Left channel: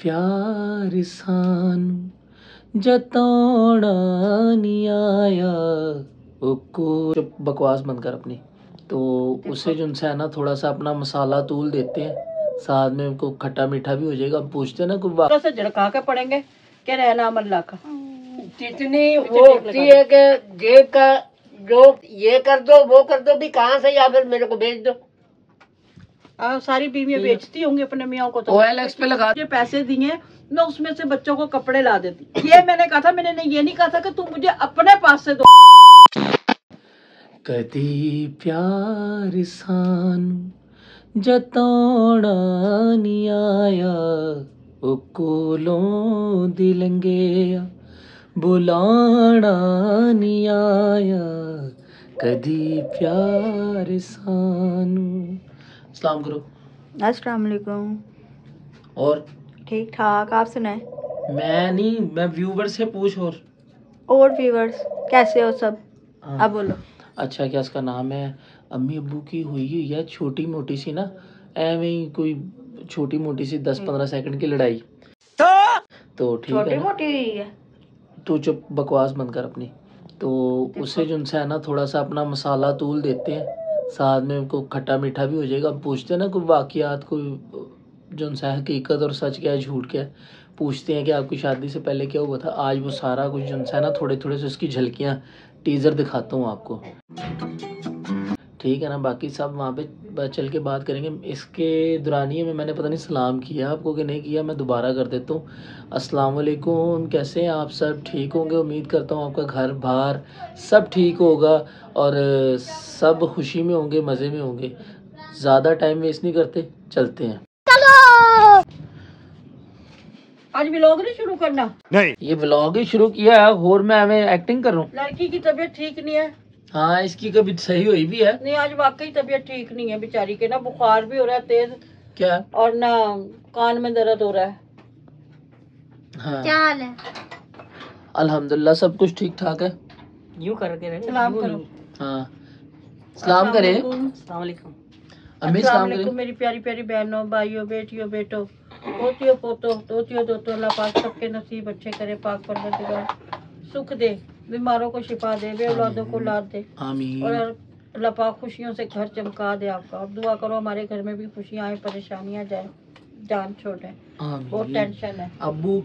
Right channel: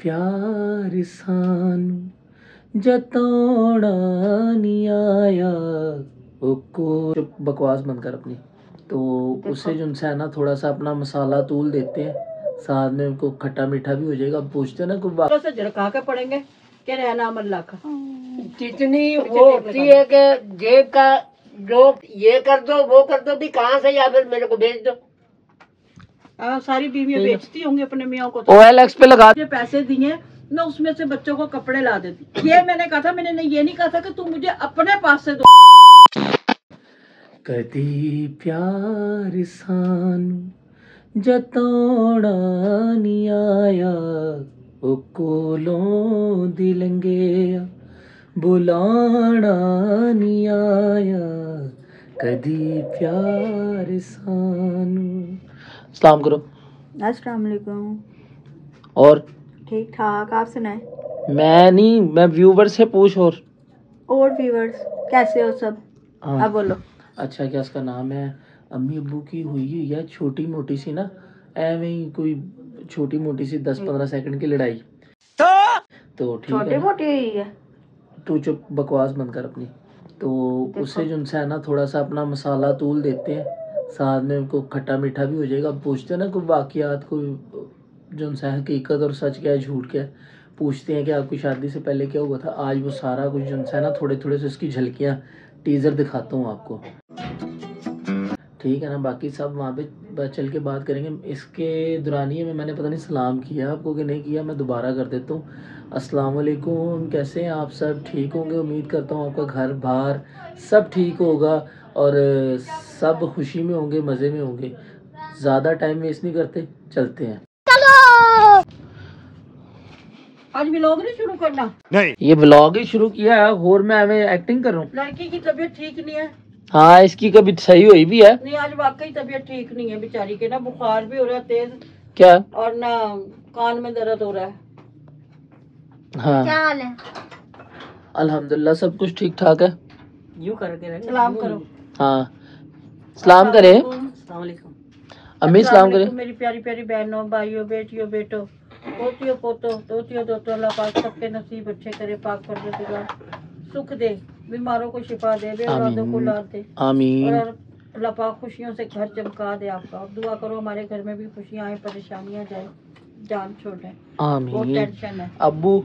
प्यार सानू जतौड़ा नहीं आया वो को। चुप, बकवास बंद कर अपनी। तो उससे जो है ना थोड़ा सा अपना मसाला तूल देते हैं, साथ में उनको खट्टा मीठा भी हो जाएगा। पूछते हैं ना कोई बात से झड़का के पड़ेंगे क्या रहना अल्लाह का। जितनी वो होती है कि जेब का जो ये कर दो वो कर दो भी कहाँ से, या फिर मेरे को भेज दो। सारी बीवियां बेचती होंगी अपने मियाँ को। OLX पे लगा मुझे पैसे दिए मैं उसमें से बच्चों को कपड़े ला देती। ये मैंने कहा था, मैंने ये नहीं कहा था कि तुम मुझे अपने पास से दो। कदी प्यार सानू जतौड़ा नहीं आया ओ कोलों दी लंघिया बुलाना नहीं आया कदी प्यार सानू। सलाम करो। अस्सलाम वालेकुम। और ठीक ठाक, आप सुनाएं। मैं नहीं, मैं व्यूवर से पूछ। और व्यूवर्स कैसे हो सब? हाँ। अब बोलो। अच्छा, क्या उसका नाम है? अम्मी अब्बू की हुई है छोटी मोटी सी ना, एवं ही कोई छोटी मोटी सी 10-15 सेकंड की लड़ाई। तो ठीक है, छोटी मोटी हुई है। तू चुप, बकवास बंद कर अपनी। तो उससे जो है ना थोड़ा सा अपना मसाला तूल देते हैं, साथ में उनको खट्टा मीठा भी हो जाएगा। पूछते हैं ना कोई वाकयात, कोई जो है हकीकत और सच क्या है झूठ क्या है। पूछते हैं कि आपकी शादी से पहले क्या हुआ था। आज वो सारा कुछ जो है ना थोड़े थोड़े से उसकी झलकियाँ टीजर दिखाता हूँ आपको, ठीक है ना। बाकी सब वहाँ पे चल के बात करेंगे। इसके दौरानिए में मैंने पता नहीं सलाम किया आपको कि नहीं किया, मैं दोबारा कर देता हूँ। अस्सलाम वालेकुम, कैसे हैं आप सब? ठीक होंगे, उम्मीद करता हूँ आपका घर बार सब ठीक होगा और सब खुशी में होंगे, मज़े में होंगे। ज़्यादा टाइम वेस्ट नहीं करते, चलते हैं। आज व्लॉग नहीं शुरू करना? नहीं, ये व्लॉग ही शुरू किया है और मैं एक्टिंग कर रहा हूँ। लड़की की तबीयत ठीक नहीं है। हाँ, इसकी कभी सही हुई भी है। नहीं, आज वाकई तबीयत ठीक नहीं है बेचारी के ना, बुखार भी हो रहा है तेज। क्या? और ना कान में दर्द हो रहा है। हाँ, क्या हाल है? अल्हम्दुलिल्लाह सब कुछ ठीक ठाक है। यूं करके सलाम करो। हाँ, सलाम करे। अस्सलाम वालेकुम। अम्मी सलाम करे। मेरी प्यारी प्यारी बहनों, भाइयों, बेटियों, बेटो, पोतियों, पोतो, दोतियों, दोतों, अल्लाह पाक सबके नसीब अच्छे करे, पाक परवरदिगार सुख दे, बीमारों को शिफा दे, बेऔलादों को औलाद दे, आमीन। और अल्लाह पाक खुशियों से घर चमका दे आपका। और दुआ करो हमारे घर में भी खुशियाँ आए, परेशानियाँ जाए, जान छोड़े। आमीन। बहुत टेंशन है। अब्बू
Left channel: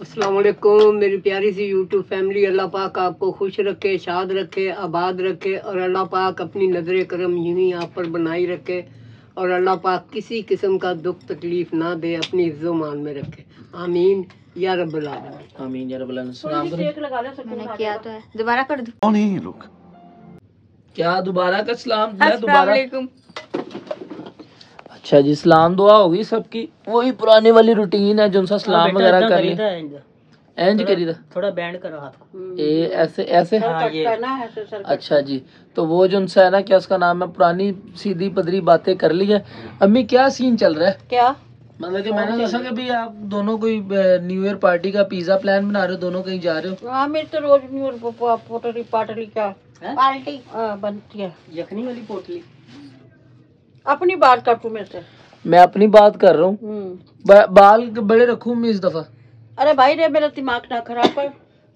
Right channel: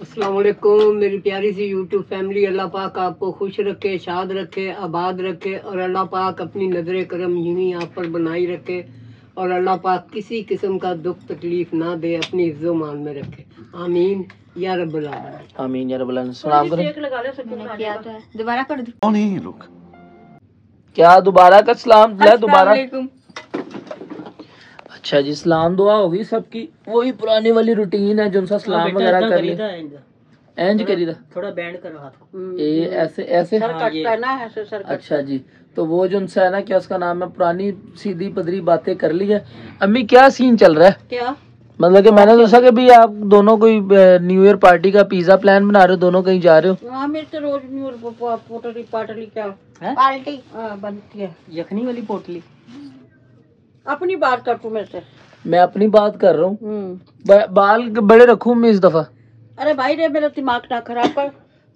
अस्सलाम वालेकुम, मेरी प्यारी सी यूट्यूब फैमिली, अल्लाह पाक आपको खुश रखे, शाद रखे, आबाद रखे, और अल्लाह पाक अपनी नजर करम यूं ही आप पर बनाई रखे, और अल्लाह पाक किसी किस्म का दुख तकलीफ ना दे, अपनी इज्जो मान में रखे। आमीन या रब्बुल आलमीन। आमीन या रब्बुल आलमीन। सलाम करो। मैंने किया तो है, दोबारा कर दो। कौन है ये लोग? क्या दोबारा का सलाम? दोबारा। अच्छा जी, सलाम दुआ होगी सबकी, वही पुरानी वाली रूटीन है जो सा सलाम वगैरह कर लिया। एंज करी था, थोड़ा बैंड करो हाथ को, ये ऐसे ऐसे। हाँ, ये। अच्छा जी, तो वो जो है ना, क्या उसका नाम है, पुरानी सीधी पदरी बातें कर ली है। अम्मी क्या सीन चल रहा है? क्या मतलब कि मैंने सोचा कि भी आप दोनों कोई न्यू ईयर पार्टी का पिज्जा प्लान बना रहे हो, दोनों कहीं जा रहे हो? हाँ, मेरी तो रोज न्यू ईयर पोटली पाटली क्या पार्टी बनती है। यखनी वाली पोटली। अपनी बात कर तू मेरे से। मैं अपनी बात कर रहा हूँ। बाल बड़े रखूं मैं इस दफा? अरे भाई रे, मेरा दिमाग ना खराब कर,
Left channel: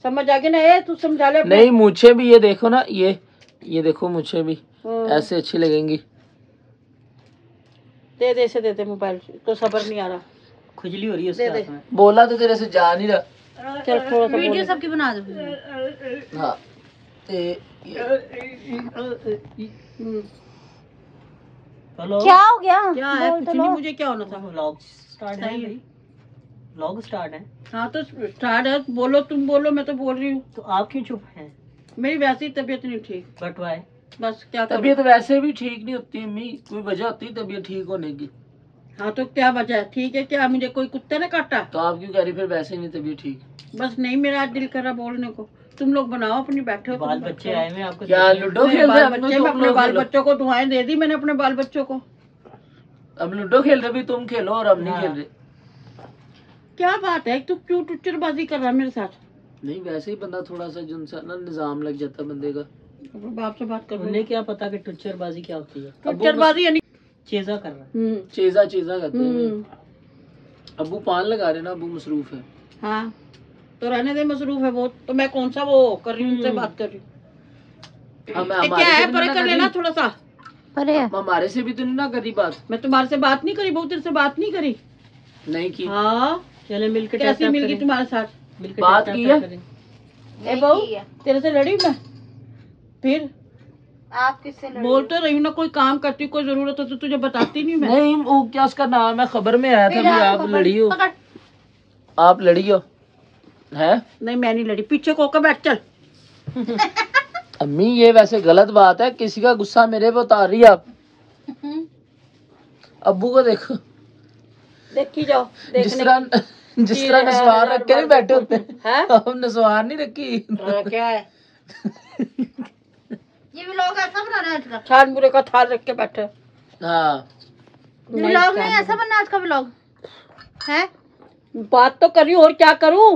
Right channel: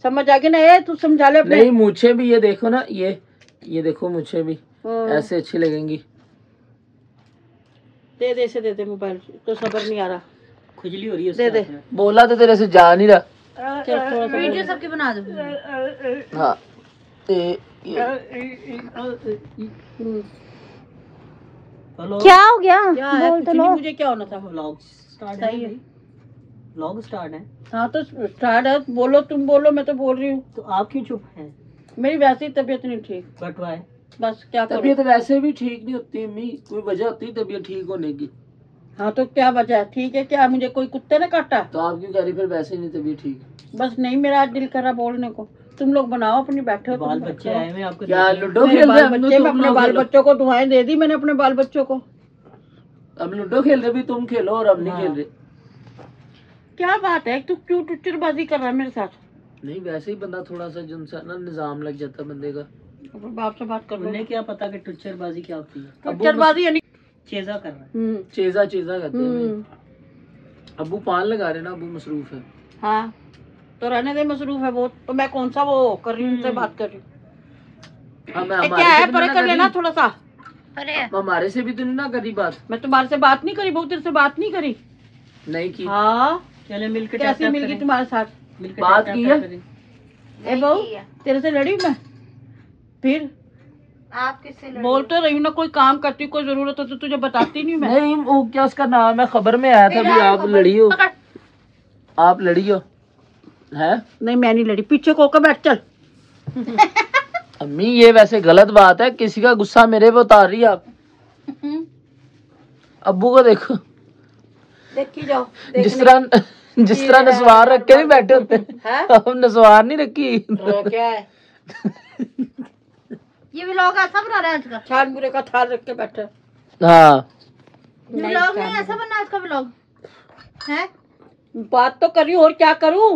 समझ आ गई ना ये, तू समझा ले अपने। नहीं, मुझे भी ये देखो ना, ये देखो मुझे भी ऐसे अच्छी लगेंगी। दे से दे मोबाइल, तो सबर नहीं आ रहा, खुजली हो रही है दे दे। बोला तो तेरे से जा नहीं रहा। चल थोड़ा सा वीडियो सबकी बना दो। हाँ, क्या हो गया? क्या है? कुछ नहीं, मुझे क्या होना था। व्लॉग स्टार्ट सही है, व्लॉग स्टार्ट है। हाँ तो स्टार्ट है, बोलो, तुम बोलो, मैं तो बोल रही हूँ। तो आप क्यों चुप हैं? मेरी वैसे ही तबीयत नहीं ठीक, बट वाई? बस क्या करूं? तबीयत वैसे भी ठीक नहीं होती अम्मी, कोई वजह होती है तबीयत ठीक होने की? हाँ तो क्या वजह है? ठीक है, क्या मुझे कोई कुत्ते ने काटा? तो आप क्यों कह रही फिर वैसे ही नहीं तबीयत ठीक? बस नहीं, मेरा आज दिल करा बोलने को। तुम लोग बनाओ अपनी, बैठे हो बाल तुम बच्चे आए हुए आपको? क्या लूडो खेल रहे हैं? हम बच्चे, तुम अपने लोग बाल खेलो। बच्चों को दुआएं दे दी मैंने अपने बाल बच्चों को। हम लूडो खेल रहे, भी तुम खेलो और हम नहीं खेल रहे। क्या बात है, तू क्यों टुच्चरबाजी कर रहा है मेरे साथ? नहीं, वैसे ही बंदा थोड़ा सा जो ना निजाम लग जाता है बंदे का। अपने बाप से बात कर लो। उन्हें क्या पता कि टुच्चरबाजी क्या होती है? टुच्चरबाजी यानी चेजा कर रहा है। चेजा चेजा करते हैं। अब्बू पान लगा रहे ना, अब्बू मसरूफ है। हाँ तो रहने दे, मसरूफ है बहुत, तो मैं कौन सा वो कर रही हूँ, उनसे बात कर रही हूँ। क्या है, परे कर लेना थोड़ा सा, अरे हमारे से भी तो नहीं ना करी बात। मैं तुम्हारे से बात नहीं करी, बहुत देर से बात नहीं करी। नहीं की। हाँ चले मिलकर, कैसे मिल गई तुम्हारे साथ? बात की है। ए बहू, तेरे से लड़ी मैं? फिर आप किससे बोल तो रही हूँ ना, कोई काम करती कोई जरूरत हो तो तुझे बताती नहीं मैं। नहीं वो क्या उसका नाम है, खबर में आया था भी आप लड़ी हो, आप लड़ी हो है। नहीं मैं नहीं लड़ी, पीछे को बैठ चल। अम्मी ये वैसे गलत बात है, किसी का गुस्सा मेरे पे उतार रही है आप। अब्बू को देखो, देखी जाओ, जिस तरह नसवार रख के नहीं बैठे होते हैं, अब नसवार नहीं रखी। क्या है? ये व्लॉग ऐसा बना रहे हैं आज का? छान बुरे का थाल रख के बैठे। हाँ व्लॉग नहीं ऐसा बनना आज का व्लॉग है? बात तो करी, और क्या करूँ?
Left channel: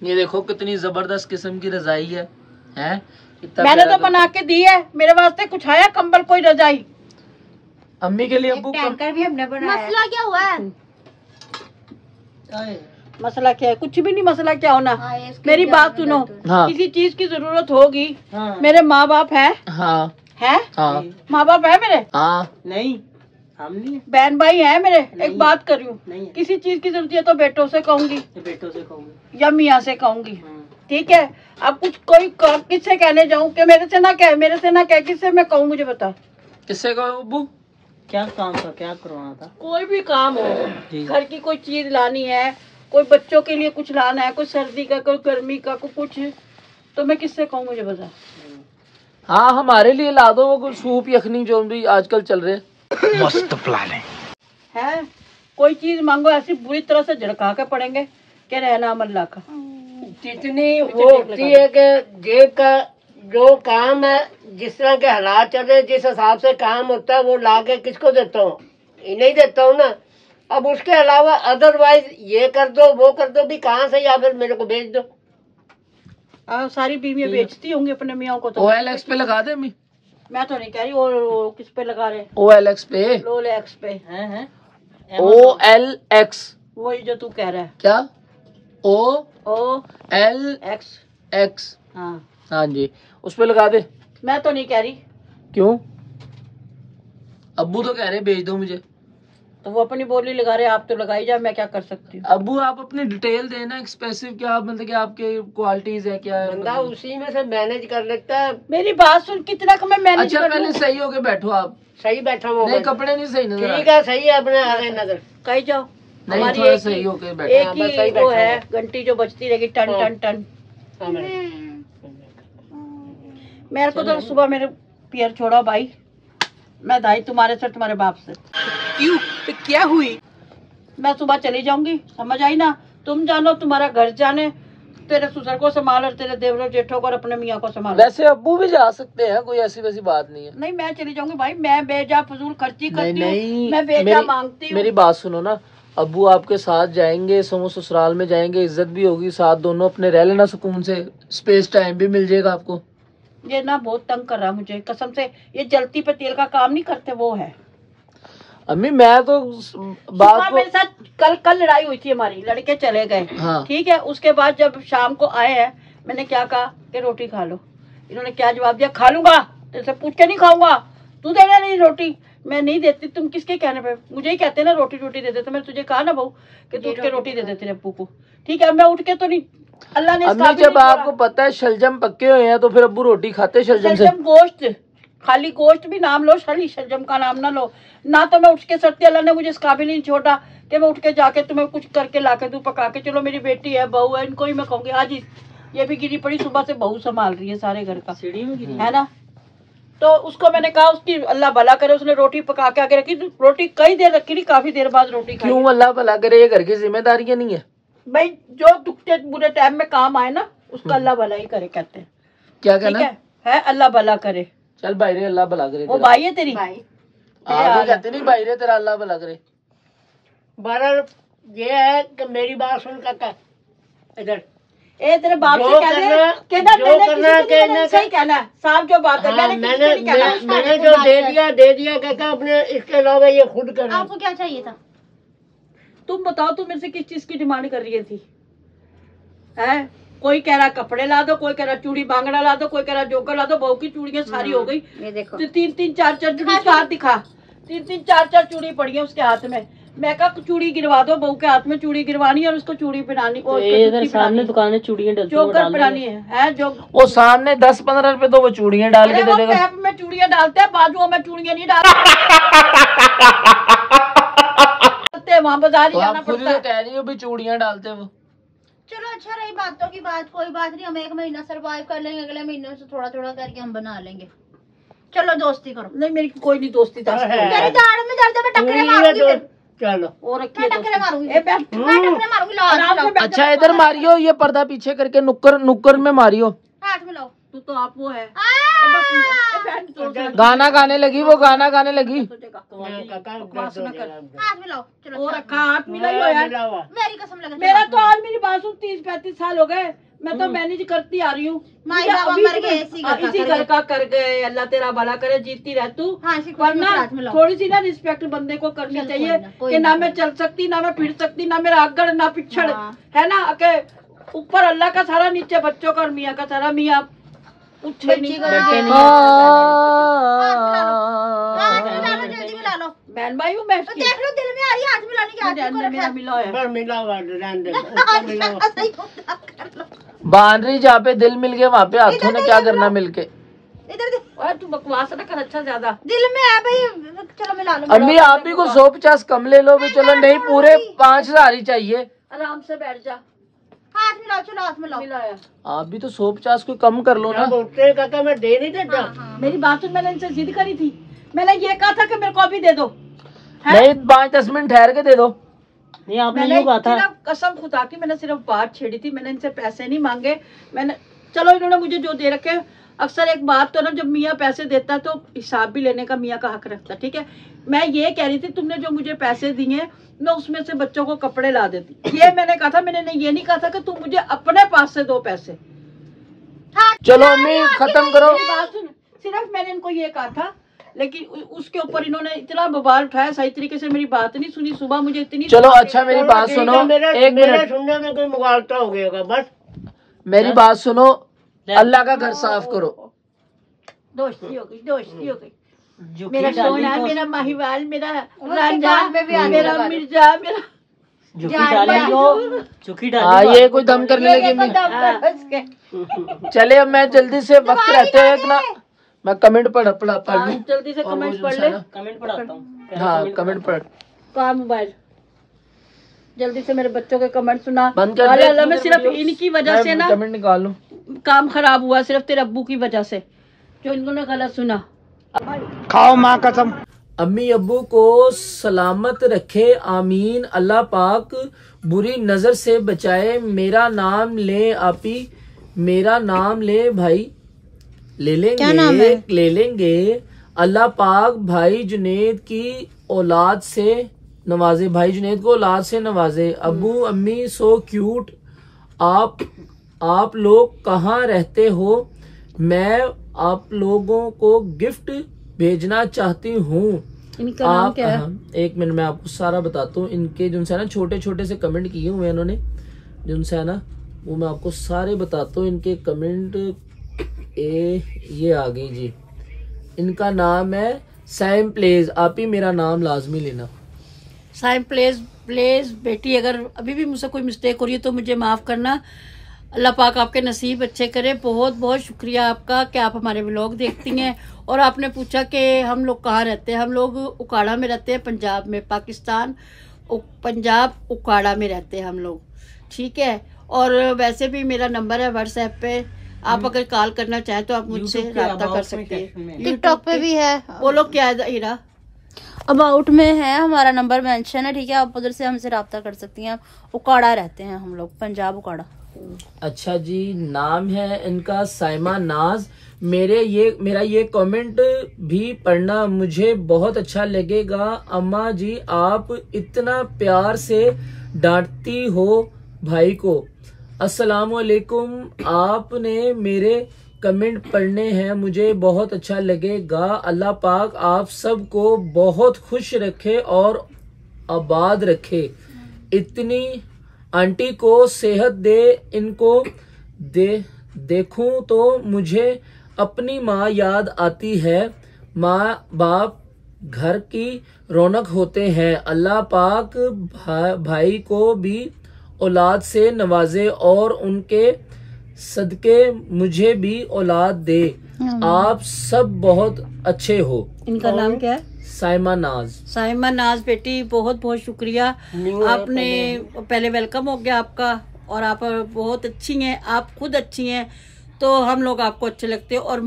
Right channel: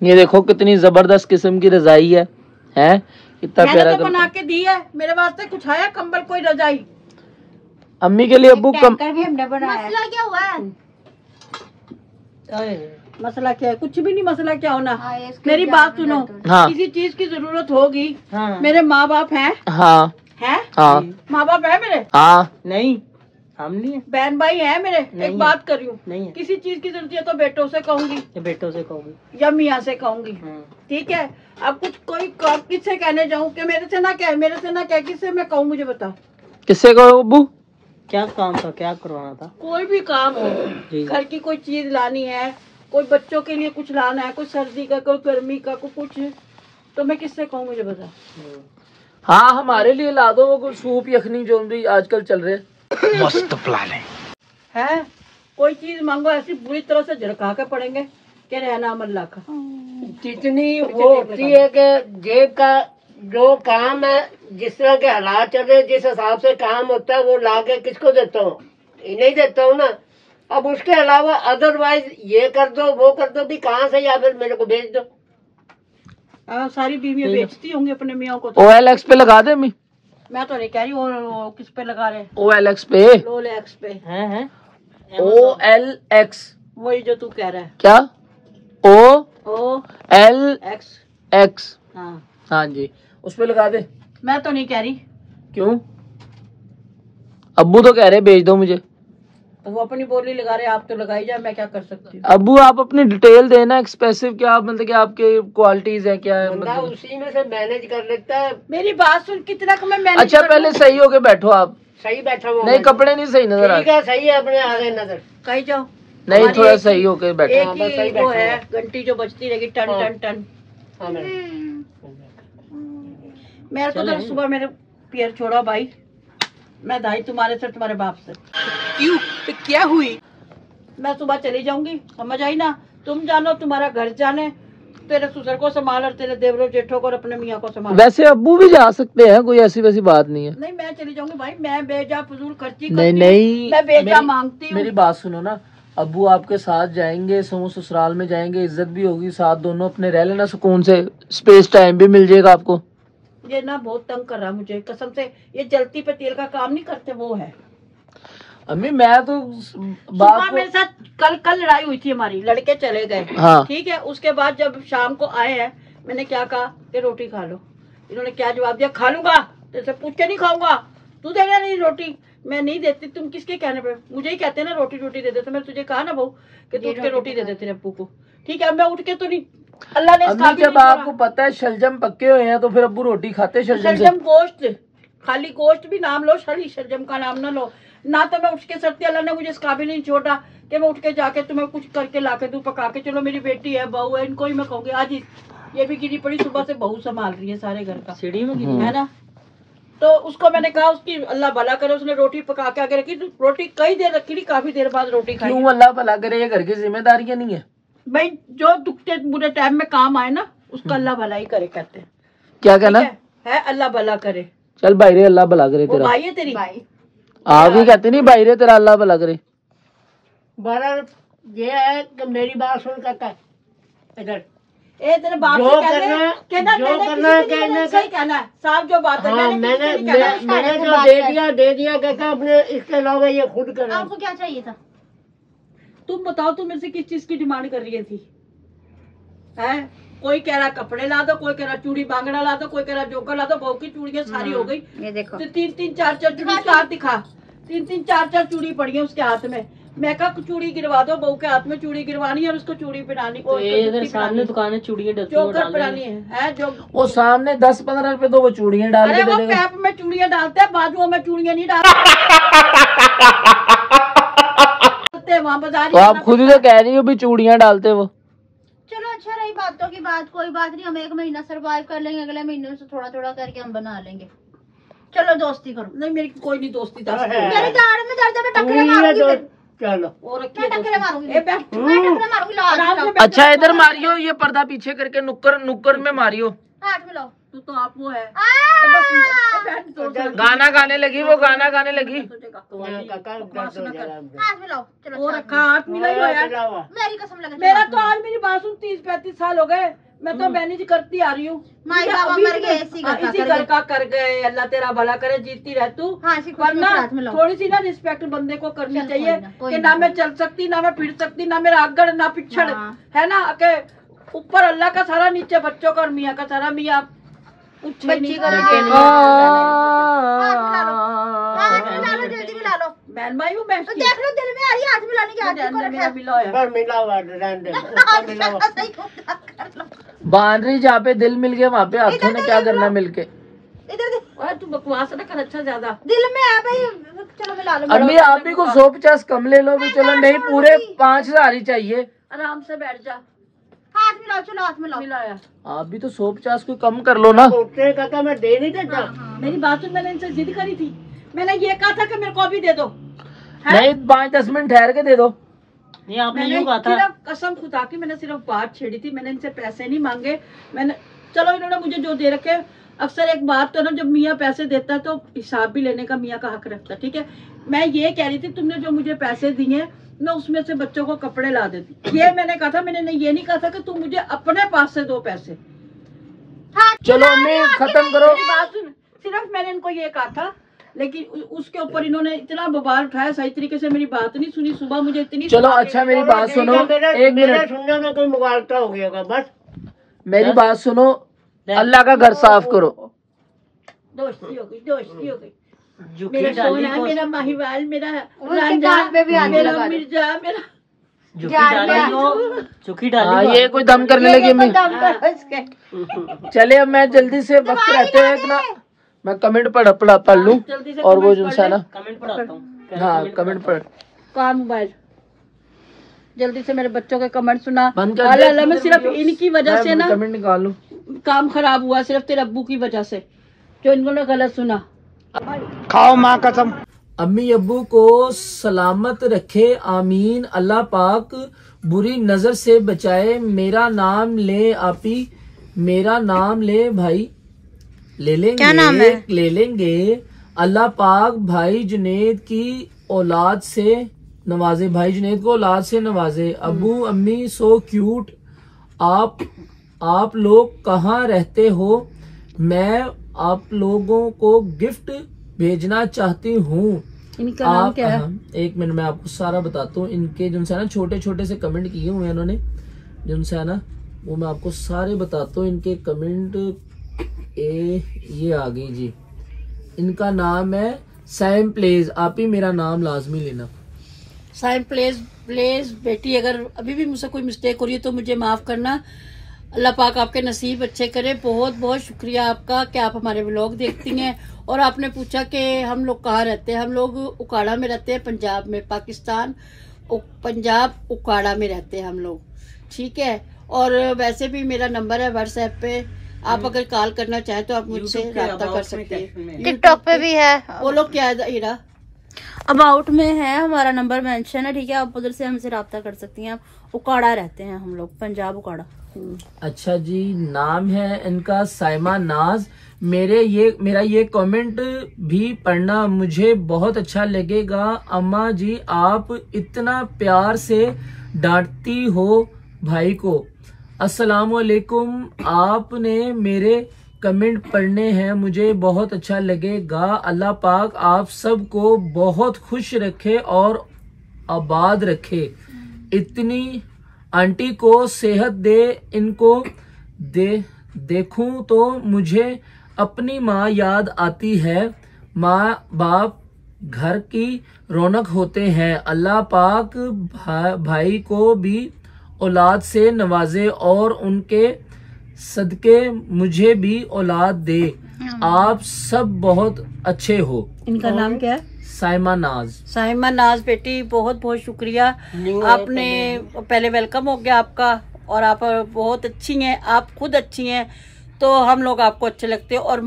ये देखो कितनी जबरदस्त किस्म की रजाई है इतना मैंने प्यारा तो बना के दी है, मेरे वास्ते कुछ आया कंबल कोई रजाई? अम्मी के लिए अब्बू टैंकर भी हमने बनाया। मसला क्या हुआ है? मसला क्या है? कुछ भी नहीं, मसला क्या होना। हाँ, ये इसके मेरी लिए बात सुनो, हाँ किसी चीज की जरूरत होगी, मेरे माँ बाप है हाँ हाँ माँ बाप है मेरे? हाँ नहीं, हम नहीं, बहन भाई है मेरे। एक बात कर रही हूँ, किसी चीज की जरूरत है तो बेटों से कहूंगी, या मियाँ से कहूंगी, ठीक है? अब कुछ कोई किससे कहने जाऊँ कि मेरे से ना कहे, किससे मैं कहूँ? मुझे बता, किससे कहो अब्बू? क्या काम था, क्या करवाना था? कोई भी काम हो, घर की कोई चीज लानी है, कोई बच्चों के लिए कुछ लाना है, कोई सर्दी का, कोई गर्मी का, कोई कुछ, तो मैं किससे कहूँ? मुझे बता। हाँ हमारे लिए ला दो वो सूप यखनी जो भी आजकल चल रहे। मस्त प्लान है। कोई चीज मांगो ऐसी बुरी तरह से झड़का के पड़ेंगे कि रहना अमल्ला का। जितनी वो होती है कि जेब का जो काम है, जिस तरह के हालात चल रहे, जिस हिसाब से काम होता है वो ला के किसको देता हूँ? नहीं देता हूँ ना। अब उसके अलावा अदरवाइज ये कर दो वो कर दो भी कहाँ से, या फिर मेरे को भेज दो। सारी बीवियां बेचती होंगी अपने मियाँ को। OLX पे लगा दे अम्मी। मैं तो नहीं कह रही, और किस पे लगा रहे? OLX पे। लोलेक्स पे है। OLX वही जो तू कह रहा है। क्या? OLX। OLX हाँ हाँ जी, उस पे लगा दे। मैं तो नहीं कह रही। क्यों? अब्बू तो कह रहे भेज दो मुझे। तो वो अपनी बोली लगा रहे, आप तो लगाई जाए, मैं क्या कर सकती हूँ? अब्बू आप अपनी डिटेल देना, एक्सप्रेसिव क्या मतलब कि आपके क्वालिटीज है क्या है बंदा मतलब? उसी में से मैनेज कर लेता है। मेरी बात सुन, कितना का मैं मैनेज अच्छा पहले सही होके बैठो आप। सही बैठा हुआ नहीं कपड़े नहीं सही नजर आ ठीक है, सही है, अपने आगे नजर कहीं जाओ। नहीं हमारी थोड़ा एक- सही होके बैठो। एक हाँ, बस सही ही वो बैठा है हुआ। घंटी जो बजती रहेगी, टन हाँ। टन टन। हाँ, मेरे को तो सुबह मेरे पैर छोड़ा भाई, मैं दाई तुम्हारे से, तुम्हारे बाप से। क्यों? क्या हुई? मैं सुबह चली जाऊंगी, समझ आई ना? तुम जानो, तुम्हारा घर जाने, तेरे ससुर को संभाल और तेरे देवरों जेठों को और अपने मियाँ को संभाल। वैसे अब्बू भी जा सकते हैं, कोई ऐसी वैसी बात नहीं है। नहीं मैं चली जाऊंगी भाई, मैं बेजा फजूल खर्ची नहीं करती नहीं हूँ, मैं बेजा मांगती हूँ। मेरी बात सुनो ना, अब्बू आपके साथ जाएंगे, समूह ससुराल में जाएंगे, इज्जत भी होगी, साथ दोनों अपने रह लेना सुकून से, स्पेस टाइम भी मिल जाएगा आपको। ये ना बहुत तंग कर रहा मुझे कसम से, ये जलती पे तेल का काम नहीं करते वो है। अम्मी मैं तो बात सुबह मेरे साथ कल लड़ाई हुई थी हमारी, लड़के चले गए, हाँ ठीक है? उसके बाद जब शाम को आए हैं, मैंने क्या कहा कि रोटी खा लो। इन्होंने क्या जवाब दिया? खा लूंगा, तेरे से पूछ के नहीं खाऊंगा, तू देना नहीं रोटी। मैं नहीं देती, तुम किसके कहने पे? मुझे ही कहते ना रोटी दे दे, तो मैंने तुझे कहा ना बहू कि तू उठ के रोटी दे दे तेरे अब्बू को, ठीक है? मैं उठ के तो नहीं, अल्लाह ने अम्मी जब आपको पता है शलजम पक्के हुए हैं तो फिर अब्बू रोटी खाते शलजम से। शलजम गोश्त, खाली गोश्त भी नाम लो, खाली शलजम का नाम ना लो ना। तो मैं उठ के सकती, अल्लाह ने मुझे इस काबिल नहीं छोड़ा कि मैं उठ के जाके तुम्हें कुछ करके ला के दूं, पका के। चलो मेरी बेटी है, बहू है, इनको ही मैं कहूंगी आज ये भी गिरी पड़ी, सुबह से बहू संभाल रही है सारे घर का, सीढ़ी में है ना? तो उसको मैंने कहा, उसकी अल्लाह भला करे, उसने रोटी पका के आगे रखी, रोटी कई देर रखी नहीं, काफी देर बाद रोटी खाई। क्यों अल्लाह भला करे, ये घर की जिम्मेदारियां नहीं है भाई? जो दुखते बुरे टाइम में काम आए ना, उसका अल्लाह भला ही करे, कहते हैं। क्या कहना है अल्लाह भला करे। चल भाई रे अल्लाह भला करे वो तेरा। भाई है तेरी? आप भी कहते नहीं भाई रे तेरा अल्लाह भला करे। बहरहाल ये है कि मेरी बात सुन काका, इधर ए तेरे बाप जो से कह दे, करना- कहना जो मैंने करना किसी को नहीं कहना- सही कहना है, साफ जो बात है, हाँ, मैंने किसी को नहीं कहना। मैंने जो दे दिया काका, अपने इसके अलावा ये खुद करना। आपको क्या चाहिए था? तुम बताओ तुम मेरे से किस चीज की डिमांड कर रही थी? हैं? कोई कह रहा कपड़े ला दो, कोई कह रहा चूड़ी बांगड़ा ला दो, कोई कह रहा जोकर ला दो। बहू की चूड़ियां सारी हो गई। ये देखो। तो 3-3 4-4 चूड़ी उसके हाथ दिखा। 3-3 4-4 चूड़ी पड़ी है उसके हाथ में। मैं कहा चूड़ी गिरवा दो, बहू के हाथ में चूड़ी गिरवानी है और उसको चूड़ी पहनानी। और सामने दुकान है चूड़ियां जोकर पहनानी है जो वो सामने 10-15 रुपए तो वो चूड़ियां डाल अरे के वो दे देगा। पैप में चूड़ियां डालते हैं, बाजुओं में चूड़ियां नहीं डालते। वहाँ बाजार तो आप खुद ही तो कह रही हो भी चूड़ियां डालते वो। चलो अच्छा रही बातों की बात, कोई बात नहीं, हम 1 महीना सरवाइव कर लेंगे, अगले महीने से थोड़ा थोड़ा करके हम बना लेंगे। चलो दोस्ती करो। नहीं मेरी कोई नहीं दोस्ती था। मेरे दाढ़ में दर्द है, मैं टकरे मारूंगी। चलो और मैं टकरे मारूंगी, ए, मैं टकरे मारूंगी। लो हाथ में लो, अच्छा इधर मारियो, ये पर्दा पीछे करके नुक्कर में मारियो। हाथ में लो। तू तो आप वो है। गाना गाने लगी, वो गाना गाने लगी। हाथ में लो। चलो और अच्छा। हाथ मिलाई हो यार। मेरी कसम लगा। मेरा तो आज मेरी बात सुन 30-35 साल हो गए, मैं तो मैनेज करती आ रही हूँ। माई बाबा मर गए, इसी घर का कर गए। अल्लाह तेरा भला करे, जीती रह तू। हाँ, वरना हाथ में लो। थोड़ी सी ना रिस्पेक्ट बंदे को करनी चल, चाहिए कोई कि ना, ना मैं चल सकती, ना मैं फिर सकती, ना मेरा आगड़ ना पिछड़, हाँ। है ना। के ऊपर अल्लाह का सारा, नीचे बच्चों का और मियाँ का सारा। मियाँ उठे नहीं बच्ची का- हाथ में ला लो, जल्दी मिला लो। बहन भाई हूँ मैं तो इसकी। देख लो दिल में आ रही है, हाथ मिलाने की आदत को मेरा रखा मिला है। पर मिला हुआ रहने दे, उसका मिला हुआ। सही होता कर लो। बानरी जहाँ पे दिल मिल गया वहाँ पे हाथों ने क्या करना मिलके। इधर देख, ओए तू बकवास ना कर अच्छा ज्यादा। दिल में है भाई। चलो मिला लो। अम्मी आप भी को 150 कम ले लो भी, चलो नहीं पूरे 5000 ही चाहिए। आराम से बैठ जा। हाथ मिलाओ, चलो हाथ मिलाओ। मिलाया। आप भी तो 150 को कम कर लो ना। उससे कहता मैं दे नहीं देता। मेरी बात सुन, मैंने इनसे जिद करी थी। मैंने ये कहा था कि मेरे को अभी दे दो। नहीं 5-10 मिनट ठहर के दे दो। नहीं मैंने सिर्फ कसम खुदा की मैंने सिर्फ बात छेड़ी थी। मैंने इनसे पैसे नहीं मांगे। मैंने चलो इन्होंने मुझे जो दे रखे। अक्सर एक बात तो ना, जब मियाँ पैसे देता तो हिसाब भी लेने का मियाँ का हक रखता। ठीक है, मैं ये कह रही थी तुमने जो मुझे पैसे दिए मैं उसमें से बच्चों को कपड़े ला देती। ये मैंने कहा था। मैंने ये नहीं कहा था कि तुम मुझे अपने पास से दो पैसे। चलो अम्मी खत्म करो। मेरी बात सुन, सिर्फ मैंने इनको ये कहा था, लेकिन उसके ऊपर इन्होंने इतना बवाल उठाया, सही तरीके से मेरी बात नहीं सुनी। सुबह मुझे इतनी चलो अच्छा मेरी बात सुनो, एक मिनट सुनने में कोई मुगालता हो गया बस। मेरी बात सुनो, अल्लाह का घर साफ करो। दोस्ती हो गई, दोस्ती हो गई। मेरा सोना, मेरा माहीवाल, मेरा रांझा, मेरा मिर्जा, मेरा हाँ ये कोई दम करने लगी अम्मी। चले अब मैं जल्दी से वक्त रहते हुए ना मैं कमेंट पढ़ लूँ जल्दी से और वो कमेंट जो पढ़ है ले। ना कमेंट पढ़ाता हूँ। हाँ कमेंट पढ़। काम मोबाइल जल्दी से मेरे बच्चों के कमेंट सुना। बंद कर दे। मैं सिर्फ इनकी वजह से ना कमेंट निकालो। काम खराब हुआ, सिर्फ तेरे अब्बू की वजह से जो इन्होंने गलत सुना। खाओ माँ कसम। अम्मी अब्बू को सलामत रखे, आमीन। अल्लाह पाक बुरी नजर से बचाए। मेरा नाम ले आपी, मेरा नाम ले भाई, ले लेंगे। क्या नाम है? ले लेंगे। अल्लाह पाक भाई जुनेद की औलाद से नवाजे, भाई जुनेद को औलाद से नवाजे। अब्बू अम्मी सो क्यूट। आप लोग कहाँ रहते हो? मैं आप लोगों को गिफ्ट भेजना चाहती हूँ। इनका नाम क्या है? एक मिनट मैं आपको सारा बताता हूँ। इनके जिनसे है ना छोटे छोटे से कमेंट किए हुए हैं इन्होंने, जिनसे है ना वो मैं आपको सारे बताता हूँ। इनके कमेंट ये आ गई जी। इनका नाम है सैम प्लेज। आप ही मेरा नाम लाजमी लेना। साइम प्लेस प्लेस बेटी, अगर अभी भी मुझसे कोई मिस्टेक हो रही है तो मुझे माफ करना। अल्लाह पाक आपके नसीब अच्छे करे। बहुत बहुत शुक्रिया आपका कि आप हमारे व्लॉग देखती हैं। और आपने पूछा कि हम लोग कहाँ रहते हैं। हम लोग उकाड़ा में रहते हैं, पंजाब में, पाकिस्तान पंजाब उकाड़ा में रहते हैं हम लोग। ठीक है, और वैसे भी मेरा नंबर है व्हाट्सएप पे। आप अगर कॉल करना चाहें तो आप मुझसे रब्ता कर सकते हैं। टिकटॉक पे भी है। बोलो क्या है हीरा? अबाउट में है, हमारा नंबर मेंशन है। ठीक है, आप उधर से हमसे रब्ता कर सकती हैं। उकाड़ा रहते हैं हम लोग, पंजाब उकाड़ा। अच्छा जी, नाम है इनका साइमा नाज। मेरा ये कमेंट भी पढ़ना मुझे बहुत अच्छा लगेगा। अम्मा जी आप इतना प्यार से डांटती हो भाई को। अस्सलामुअलैकुम। आपने मेरे कमेंट पढ़ने हैं, मुझे बहुत अच्छा लगेगा। अल्लाह पाक आप सबको बहुत खुश रखे और आबाद रखे। इतनी आंटी को सेहत दे, इनको देखूं तो मुझे अपनी माँ याद आती है। माँ बाप घर की रौनक होते हैं। अल्लाह पाक भाई को भी औलाद से नवाजे और उनके सदके मुझे भी औलाद दे। आप सब बहुत अच्छे हो। इनका नाम क्या है? साइमा नाज। साइमा नाज बेटी, बहुत बहुत शुक्रिया। आपने पहले वेलकम हो गया आपका, और आप बहुत अच्छी हैं, आप खुद अच्छी हैं तो हम लोग आपको अच्छे लगते हैं। और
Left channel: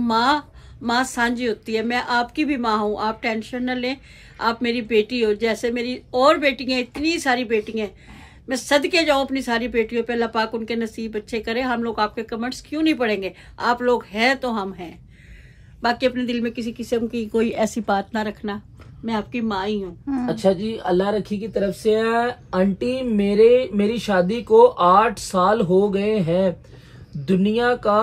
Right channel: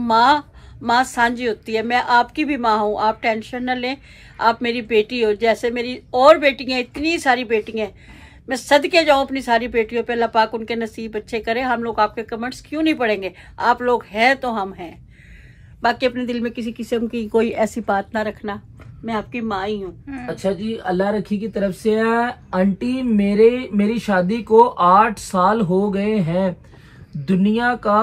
माँ सांझी होती है, मैं आपकी भी माँ हूँ, आप टेंशन न लें, आप मेरी बेटी हो। जैसे मेरी और बेटियाँ, इतनी सारी बेटियाँ, मैं सदके जाऊँ अपनी सारी बेटियों पे। अल्लाह पाक उनके नसीब अच्छे करे। हम लोग आपके कमेंट्स क्यों नहीं पढ़ेंगे, आप लोग हैं तो हम हैं। बाकी अपने दिल में किसी किस्म की कोई ऐसी बात ना रखना, मैं आपकी माँ ही हूँ। अच्छा जी, अल्लाह रखी की तरफ से है। आंटी मेरी शादी को 8 साल हो गए हैं। दुनिया का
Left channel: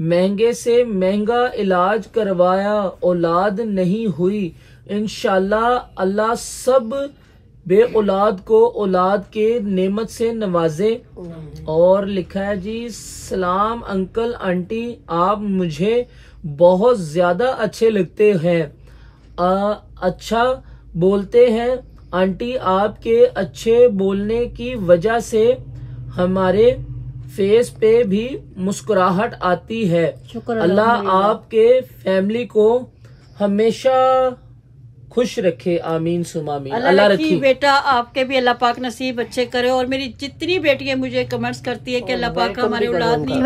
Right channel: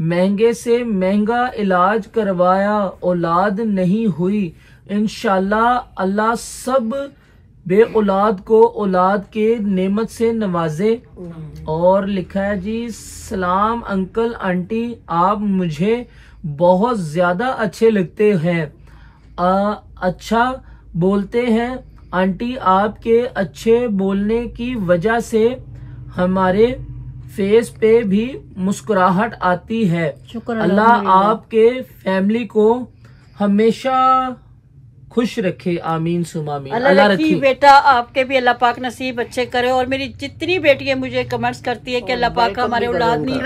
महंगे से महंगा इलाज करवाया, औलाद नहीं हुई। इंशाल्लाह अल्लाह सब बे औलाद को औलाद के नेमत से नवाजे। और लिखा है जी, सलाम अंकल आंटी, आप मुझे बहुत ज्यादा अच्छे लगते हैं, अच्छा बोलते हैं। आंटी आपके अच्छे बोलने की वजह से हमारे फेस पे भी मुस्कुराहट आती है। अल्लाह आपके फैमिली को हमेशा खुश रखे, आमीन सुमा आमीन। अल्लाह रखी बेटा, आपके भी अल्लाह पाक नसीब अच्छे करे। और मेरी जितनी बेटियां मुझे कमेंट्स करती है कि अल्लाह पाक हमारे औलाद नहीं।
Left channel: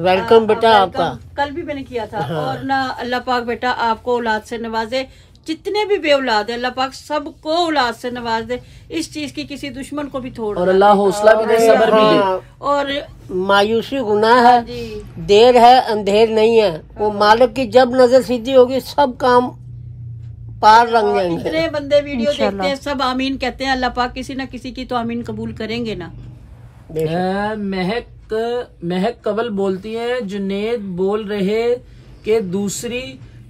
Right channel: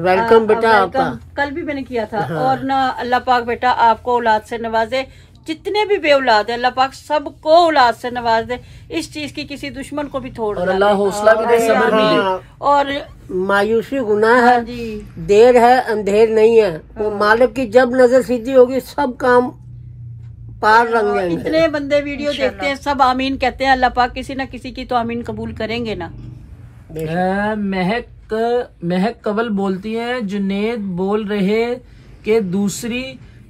वेलकम बेटा आपका। कल भी मैंने किया था। और ना अल्लाह पाक बेटा आपको औलाद से नवाजे। जितने भी बे औलाद है अल्लाह पाक सबको औलाद से नवाज दे। इस चीज की किसी दुश्मन को भी थोड़, और अल्लाह हौसला भी दे, सब्र भी दे। और मायूसी गुनाह है, देर है अंधेर नहीं है। वो मालिक की जब नजर सीधी होगी सब काम पार रंग जाएंगे। इतने बंदे वीडियो देखते हैं, सब आमीन कहते हैं। अल्लाह पाक किसी न किसी की तो आमीन कबूल करेंगे ना। महक कवल बोलती है, जुनेद बोल रहे कि दूसरी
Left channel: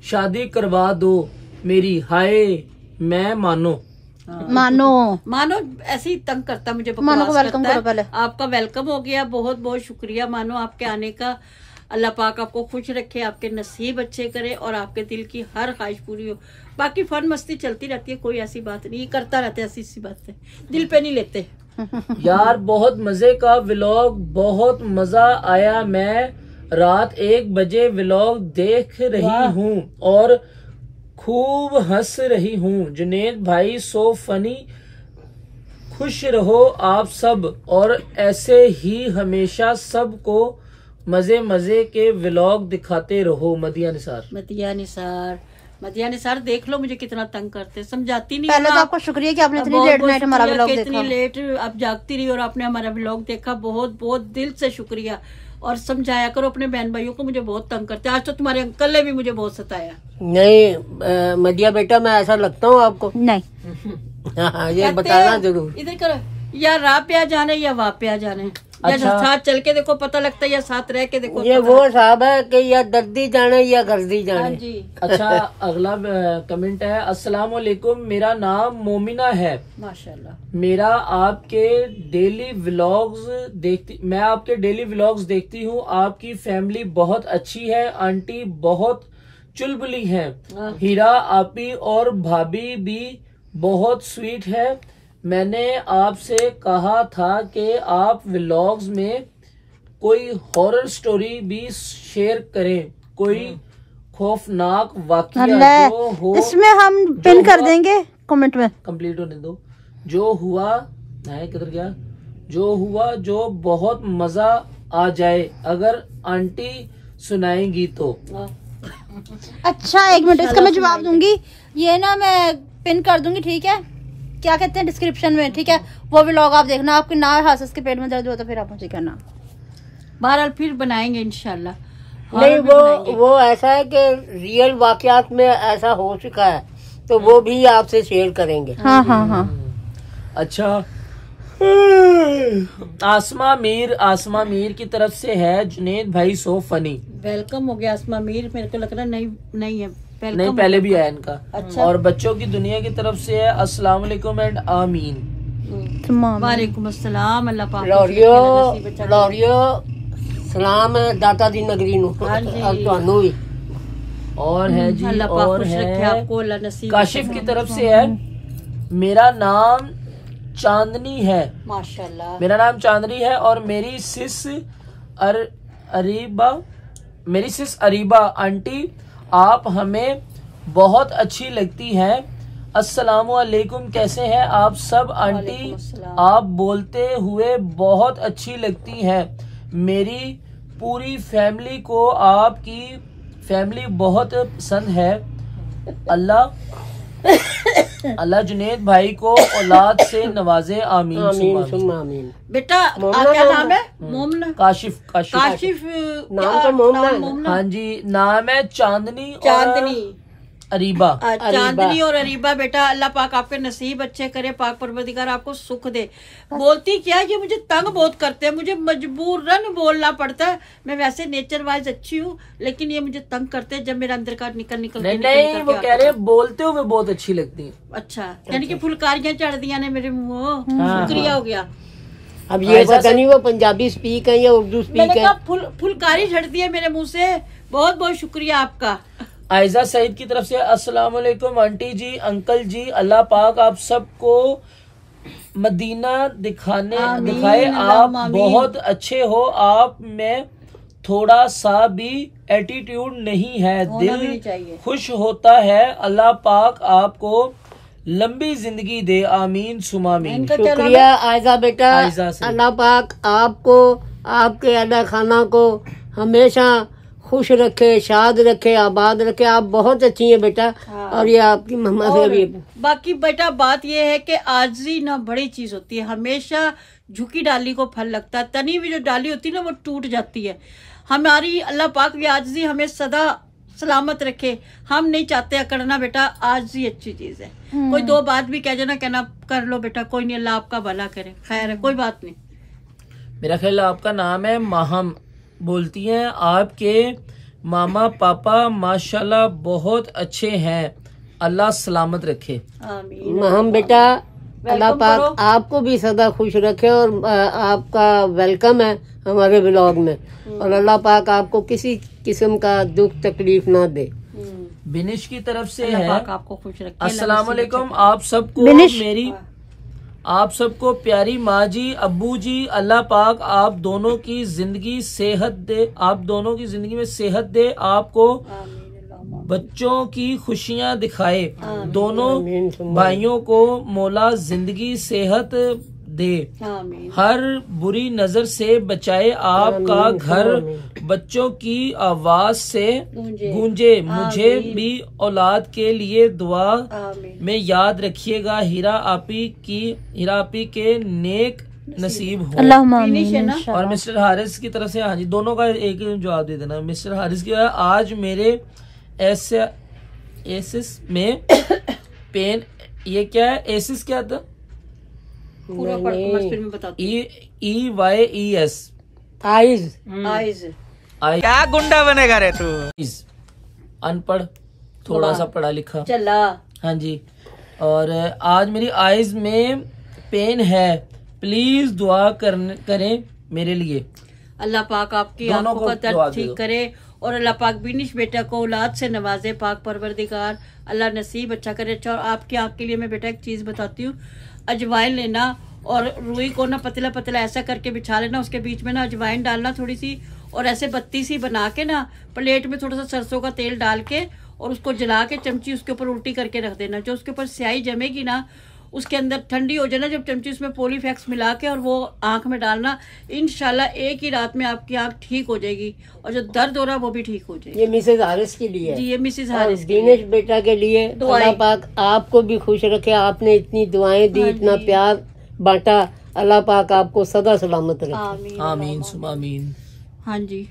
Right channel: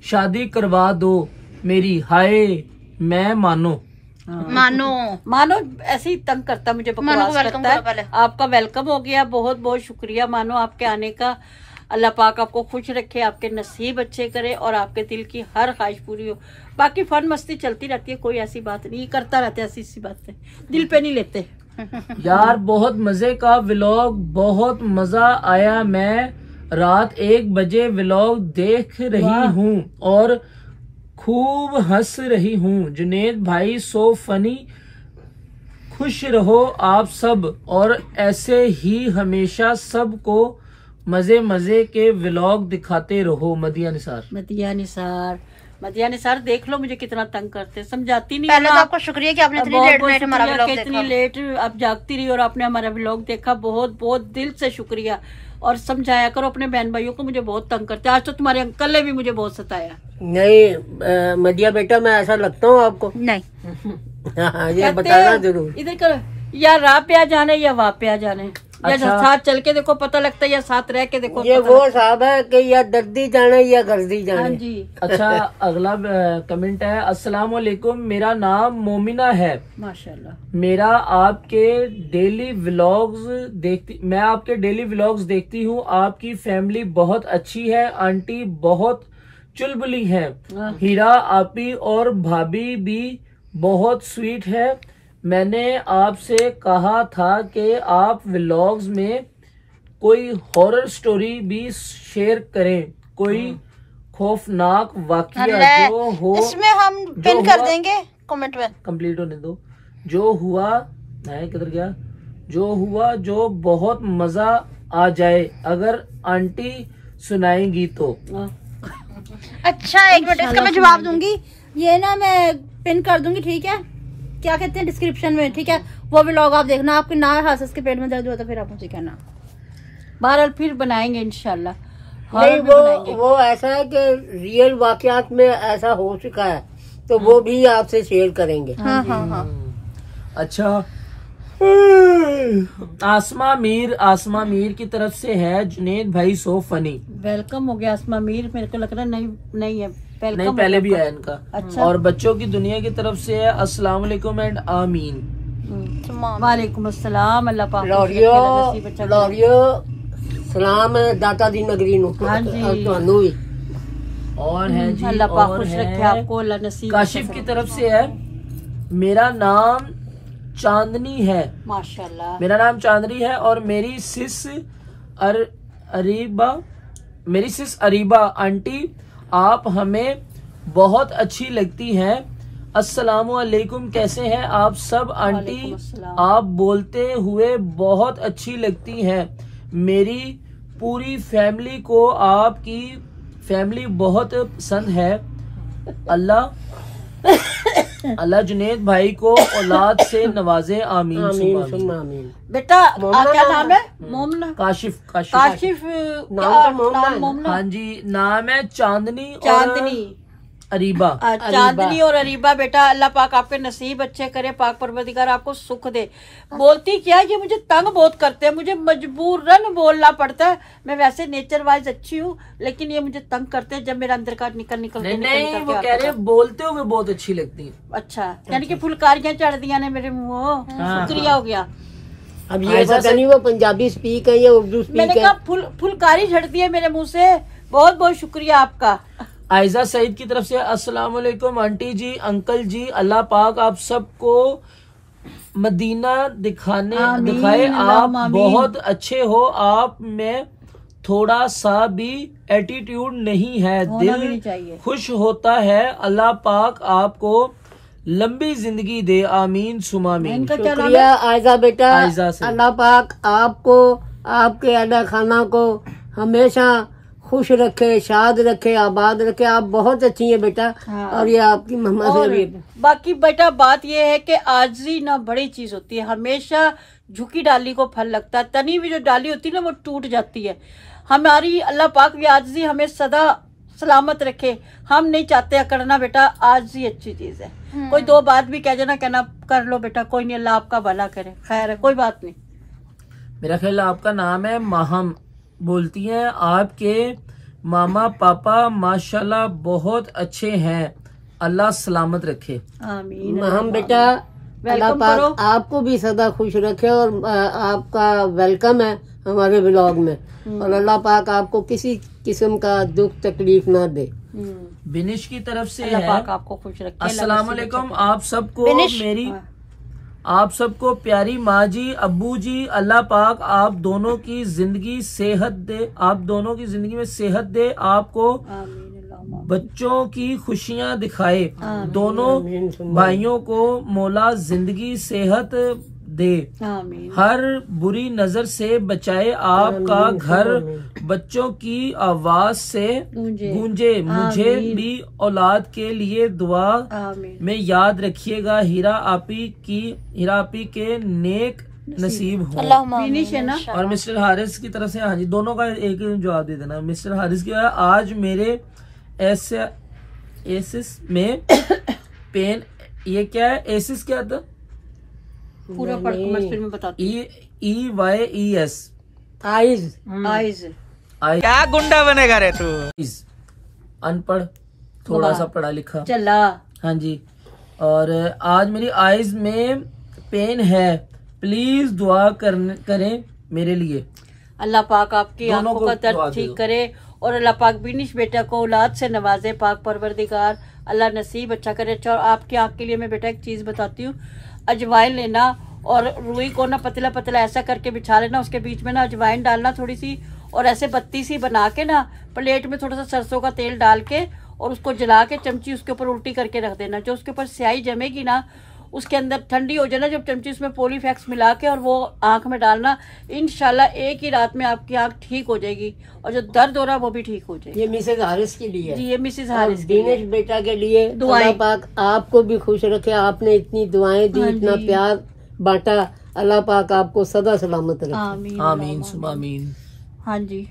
शादी करवा दो मेरी। हाय मैं मानो ऐसे ही तंग करता, मुझे बकवास करता है। आपका वेलकम हो गया, बहुत बहुत शुक्रिया मानो आपके आने का। अल्लाह पाक आपको खुश रखे, आपके नसीब अच्छे करे और आपके दिल की हर ख्वाहिश पूरी हो। बाकी फन मस्ती चलती रहती है, कोई ऐसी बात नहीं, करता रहते ऐसी बातें, दिल पे नहीं लेते। यार बहुत मजे का व्लॉग, बहुत मजा आया। मैं रात 1 बजे व्लॉग देख रही हूँ और खूब हंस रही हूँ। जुनेद भाई सो फनी, खुश रहो आप सब और ऐसे ही हमेशा सबको मजे मजे के व्लॉग दिखाते रहो। मदिया निसार देख लो मुझे कितना तंग करते, समझाती नहीं। पहले तो आपको शुक्रिया कि आपने इतनी लेट नाइट हमारा व्लॉग देखा। इतनी लेट आप जागती रही और आपने हमारा व्लॉग देखा, बहुत बहुत दिल से शुक्रिया। और समझाया करो अपने बहन भाइयों को, मुझे बहुत तंग करते। आज तो तुम्हारे अंकल ने भी मुझे बहुत सताया। नहीं मदिया बेटा, मैं ऐसा लगता हूँ आपको? नहीं ये बताना जरूर। इधर करो, या राह पे आ जाने या वाह पे आ जाने, या साथ चल के देखो पता लगता है, या साथ रह के देखो। ये वो साहब है कि या दर्दी जाने या गर्दी जाने। जी। अच्छा अगला कमेंट है, अस्सलाम वालेकुम, मेरा नाम मोमिना है। माशाल्लाह। मैं आपके डेली व्लॉग्स देखती हूँ। आपकी फैमिली बहुत अच्छी है, आंटी बहुत चुलबुली है, हीरा आपी और भाभी भी बहुत स्वीट है। मैंने आपसे कहा था कि आप व्लॉग्स में कोई हॉरर स्टोरी भी शेयर करें, कोई खौफनाक वाकया जो हो। इसमें हम पिन कर देंगे कमेंट में। कंप्लीट होने दो। जो हुआ किधर गया, जो हुआ जो बहुत मजा आ जाए, अगर आंटी सुनाएंगी तो। अच्छा एक मिनट, इसका मैं जवाब दूंगी। ये ना मैं पिन कर दूंगी, ठीक है? क्या कहते हैं डिस्क्रिप्शन में, ठीक है? वो व्लॉग आप देखना। आपके ना हासिस के पेट में दर्द होता फिर आप मुझे कहना। बहरहाल फिर बनाएंगे इंशाल्लाह, नहीं बनाएंगे। वो ऐसा है कि रियल वाकयात में ऐसा हो चुका है तो वो भी आपसे शेयर करेंगे। हाँ। अच्छा आसमा मीर की तरफ से है, जुनेद भाई सो फनी। वेलकम हो गया आसमा मीर, मेरे को लग रहा नहीं है, नहीं पहले भी आया इनका। अच्छा। और बच्चों की दुनिया की तरफ से है, अस्सलाम वालेकुम एंड आमीन। वालेकुम अस्सलाम। अल्लाह पाक खुश रखे, अल्लाह नसीब अच्छा करे। लौरियो सलाम है दाता दी नगरी नु हाँ जी। अब ਤੁਹਾਨੂੰ ਵੀ और है जी, अल्लाह पाक और खुश है रखे आपको, अल्लाह नसीब काशिफ अच्छा की करे। तरफ से है, मेरा नाम चांदनी है, माशाल्लाह। मेरा नाम चांदनी है और मेरी सिस अरीबा आंटी आप हमें बहुत अच्छी लगती हैं। अस्सलामुअलैकुम, कैसे हैं आप सब आंटी? आप बोलते हुए बहुत अच्छी लगती हैं। मेरी पूरी फैमिली को आपकी फैमिली बहुत पसंद है। अल्लाह जुनेद भाई को औलाद से नवाजे, आमीन आमीन सुम्मा आमीन। सुम्मा आमीन। बेटा क्या नाम है? मोमना, काशिफ काशिफ काशिफ, क्या नाम? मोमना, हाँ जी, नाम है चांदनी और चांदनी, अरीबा। चांदनी और अरीबा। बेटा अल्लाह पाक आपके नसीब अच्छे करे, पाक परवरदिगार आपको सुख दे। बोलती क्या है, ये मुझे तंग बहुत करते हैं, मुझे मजबूरन बोलना पड़ता है। मैं वैसे नेचर वाइज अच्छी हूँ, लेकिन ये मुझे तंग करते हैं जब मेरा अंदर का निकल नहीं, वो कह रहे बोलते हुए बहुत अच्छी लगती है। अच्छा, यानी कि फुलकारियां चढ़ दिया ने मेरे मुंह। शुक्रिया हो गया। अब ये पता नहीं वो पंजाबी स्पीक है या उर्दू मैंने स्पीक है। कहा फुलकारी झड़ती है मेरे मुंह से। बहुत बहुत शुक्रिया आपका। आयजा सईद की तरफ से अस्सलाम वालेकुम आंटी जी, अंकल जी, अल्लाह पाक आप सबको मदीना दिखाए। आप बहुत अच्छे हो, आप में थोड़ा सा भी एटीट्यूड नहीं है, दिल खुश होता है। अल्लाह पाक आपको लंबी जिंदगी दे, आमीन सुमामीन। शुक्रिया आयजा बेटा, आयजा से। अल्लाह पाक आपको आपके अदा खाना को हमेशा खुश रखे, शाद रखे, आबाद रखे। आप बहुत अच्छी हैं बेटा। और ये आपकी मम्मा से भी। बाकी बेटा बात ये है कि आजी ना बड़ी चीज होती है, हमेशा झुकी डाली को फल लगता है। तनी भी जो डाली होती है ना वो टूट जाती है। हमारी अल्लाह पाक भी आजी हमें सदा सलामत रखे। हम नहीं चाहते अकड़ना बेटा, आजी अच्छी चीज है। कोई दो बात भी कह जाना, कहना कर लो बेटा, कोई नहीं, अल्लाह आपका भला करे। खैर है, कोई बात नहीं। मेरा ख्याल आपका नाम है माहम। बोलती हैं आपके मामा पापा माशाल्लाह बहुत अच्छे हैं, अल्लाह सलामत रखे। हम बेटा अल्लाह पाक आपको भी सदा खुश रखे और आपका वेलकम है हमारे ब्लॉग में। और अल्लाह पाक आपको किसी किस्म का दुख तकलीफ ना दे। बिनिश की तरफ से अल्लाह है, पाक आपको खुश रखे। अस्सलाम वालेकुम, आप सबको प्यारी माँ जी, अब्बू जी, अल्लाह पाक आप दोनों की जिंदगी सेहत दे, आप दोनों की जिंदगी में सेहत दे, आपको बच्चों की खुशियाँ दिखाए। दोनों भाइयों को मौला जिंदगी सेहत दे, हर बुरी नजर से बचाए, आपका घर बच्चों की आवाज से गूंजे। मुझे भी औलाद के लिए दुआ में याद रखिएगा। हीरा आपी के नेक नसीब हो। और मिस्टर हारिस की तरफ से, हाँ जी, दोनों का एक जवाब दे देना। मिस्टर हारिस की है, आज मेरे एसिस में पेन, ये क्या है? एसिस क्या था? EYES क्या गुंडा बनेगा रे तू? अनपढ़, थोड़ा सा पढ़ा लिखा। चला। हाँ जी। और आज मेरी आईज में पेन है, प्लीज दुआ करें मेरे लिए। अल्लाह पाक आपकी आंखों का दर्द ठीक करे और अल्लाह पाक बिनिश बेटा को औलाद से नवाजे। पाक परवरदिगार अल्लाह नसीब अच्छा करे। अच्छा, और आपकी आंख के लिए मैं बेटा एक चीज बताती हूँ। अजवाइन लेना और रुई को ना पतला पतला ऐसा करके बिछा लेना, उसके बीच में ना अजवाइन डालना थोड़ी सी, और ऐसे बत्ती सी बना के ना प्लेट में थोड़ा सा सरसों का तेल डाल के और उसको जला के चमची उसके ऊपर उल्टी करके रख देना। जो उसके ऊपर स्याही जमेगी ना, उसके अंदर ठंडी हो जाना, जब चमची उसमें पॉलीफैक्स मिला के और वो आंख में डालना, इंशाल्लाह एक ही रात में आपकी आंख ठीक हो जाएगी और जो दर्द हो रहा है वो भी ठीक हो जाएगी। ये मिसेज हारिस के लिए। जी, ये मिसेज हारिस के लिए। दिनेश बेटा के लिए अल्लाह पाक आपको भी खुश रखे। आपने इतनी दुआएं दी, इतना प्यार बांटा, अल्लाह पाक आपको सदा सलामत रखे। आमीन सुमामीन। हाँ जी,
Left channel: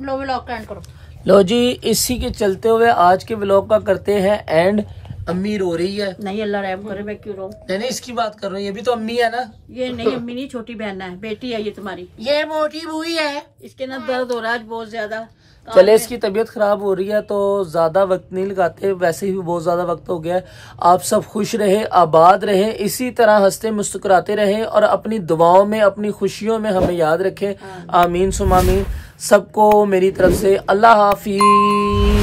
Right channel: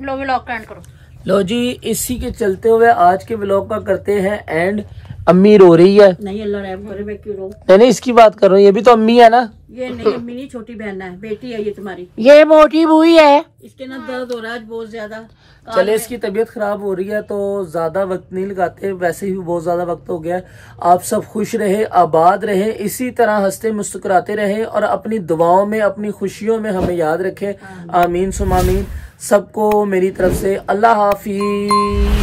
लो व्लॉग का एंड करो। लो जी, इसी के चलते हुए आज के व्लॉग का करते हैं एंड। अम्मी रो रही है। नहीं अल्लाह रहम करे, मैं क्यों रो? नहीं इसकी बात कर रहा हूँ, ये भी तो अम्मी है ना। ये नहीं अम्मी नहीं, छोटी बहन है, बेटी है ये तुम्हारी। ये मोटी बुई है। इसके ना दर्द हो रहा है बहुत ज्यादा। चले इसकी तबीयत खराब हो रही है तो ज्यादा वक्त नहीं लगाते, वैसे ही बहुत ज्यादा वक्त हो गया है। आप सब खुश रहे, आबाद रहे, इसी तरह हंसते मुस्कुराते रहे और अपनी दुआओं में, अपनी खुशियों में हमें याद रखें। आमीन सुम आमीन। सबको मेरी तरफ से अल्लाह हाफिज।